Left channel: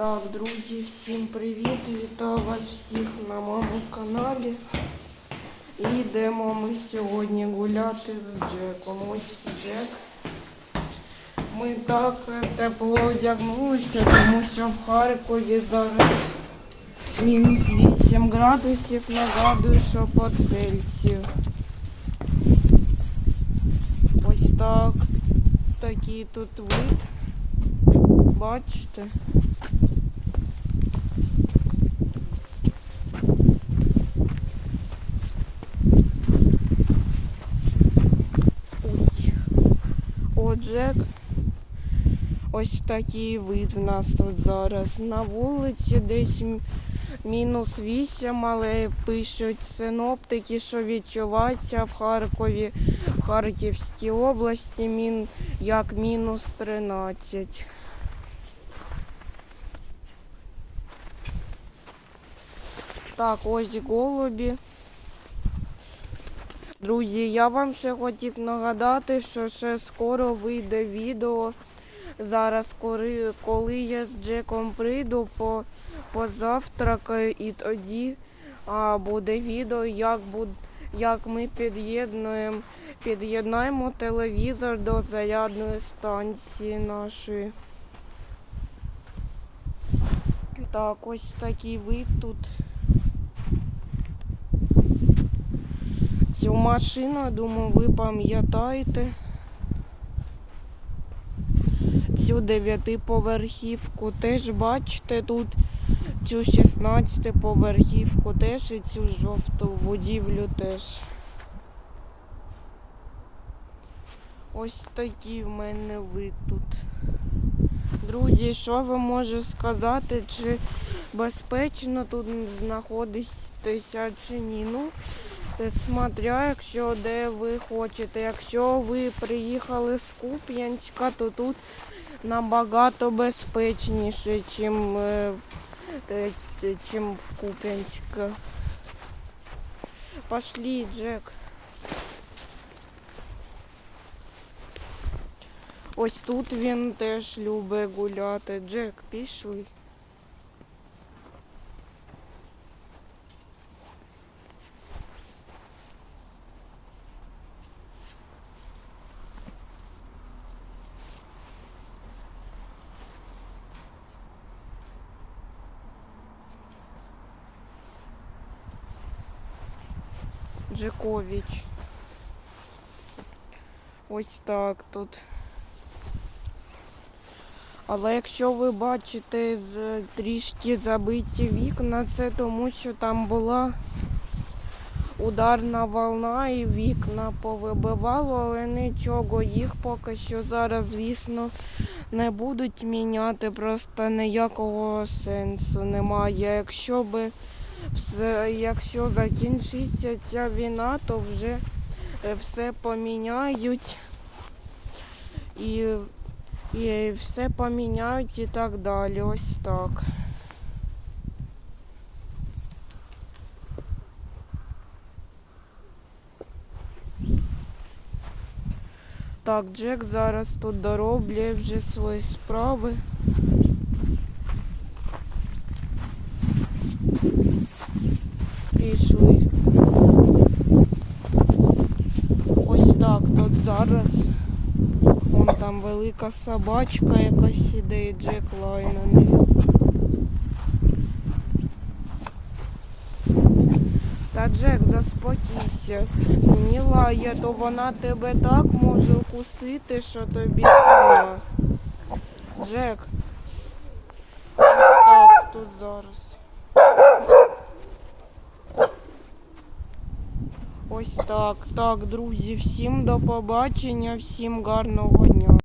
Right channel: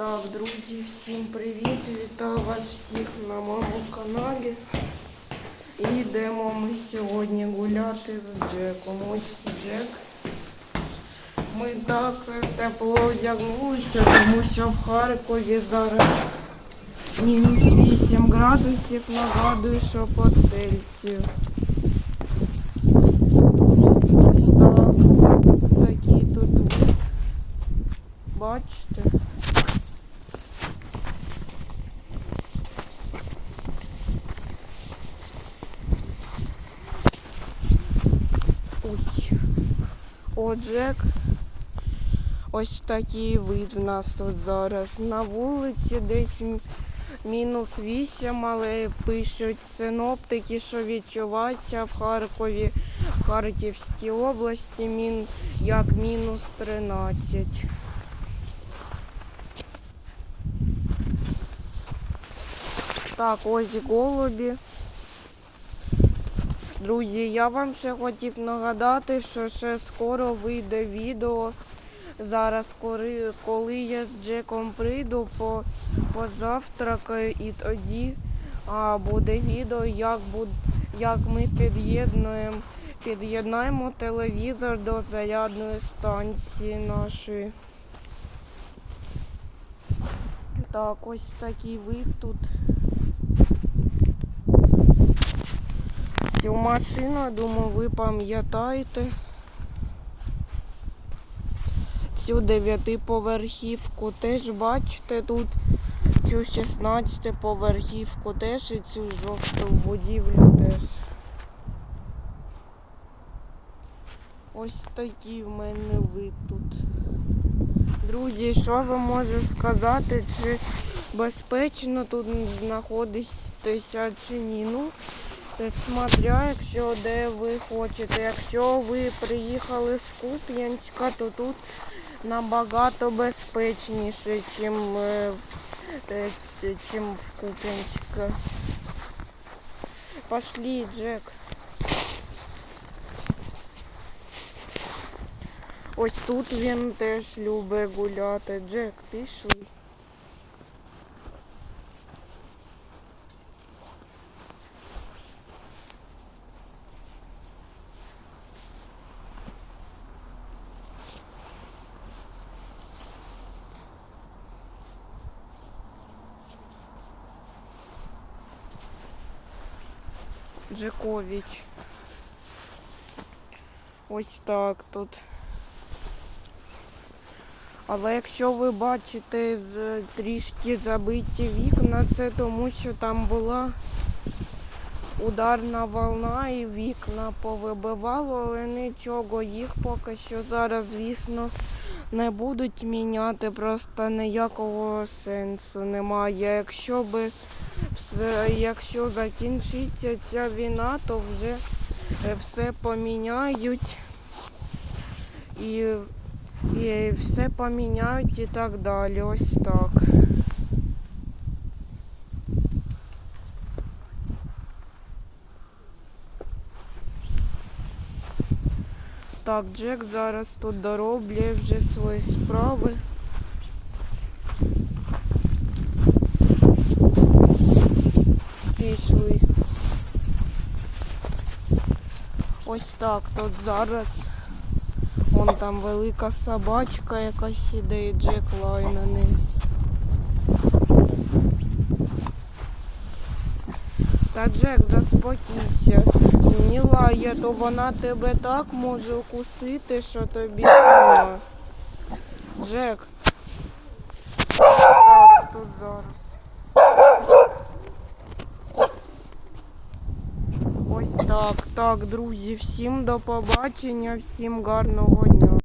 Так, друзі, всім привіт! Вітаю вас всіх на моєму каналі. І йдемо ми сьогодні гуляти з Джеком. Ось Джек. Ми так тепло одягнулися, тому що в Харкові зараз мінус 8 градусів, нагадую, що по Цельсію. Ось так. Такий тут вид. Бачите? Джек. Ось такий вид в нас тут зараз. На вулиці десь мінус 8, але пишуть синоптики, що відчувається в Харкові, в Харківській області мін, як мінус 13. Так, ось голубі. Друзі, я вам ще хотів нагадати, що ще скоро вийде відео. Зараз, коли, я з Джеком прийду, по, позавтракаю і тоді буде відео, як, буд, як ми під'єднуємо, під'єднаємо телевізор до зарядної станції нашої. Так, ось такий вид тут. Цю машину, думаю, ви пам'ятаєте. Цю дев'ятиповерхівку теж бачите тут цю 16-поверхівку теж і цю жовту будівлю теж. Ось такий в мене вид тут. Друзі, що ви можете сказати, чи безпечно тут знаходитися чи ні? Ну, смотря, якщо де ви хочете. Якщо ви приїхали з Куп'янська, то тут набагато безпечніше, чим, е, е, чим в Куп'янське. Пошли, Джек. Ось тут він теж любить гуляти. Джек, пішли. Джекович. Ось так тут. Але якщо ви бачите з трішки забиті вікна, це тому що там була ударна волна і вікна повибивало, але нічого, їх поки що зараз, звісно, не будуть міняти, просто ніякого сенсу немає. Якщо би якщо закінчиться ця війна, то вже е, все поміняють і, і все поміняють і так далі. Ось так. Так, Джек зараз тут дороблює вже свої справи. Пішли. Ось так тут зараз. Вон там велика собачка якась іде і Джек лай на неї. Та Джек, заспокійся. Не лає, то вона тебе так може укусити, що тобі. Джек. Так тут зараз. Ось так. Так, друзі, всім до побачення, всім гарного дня.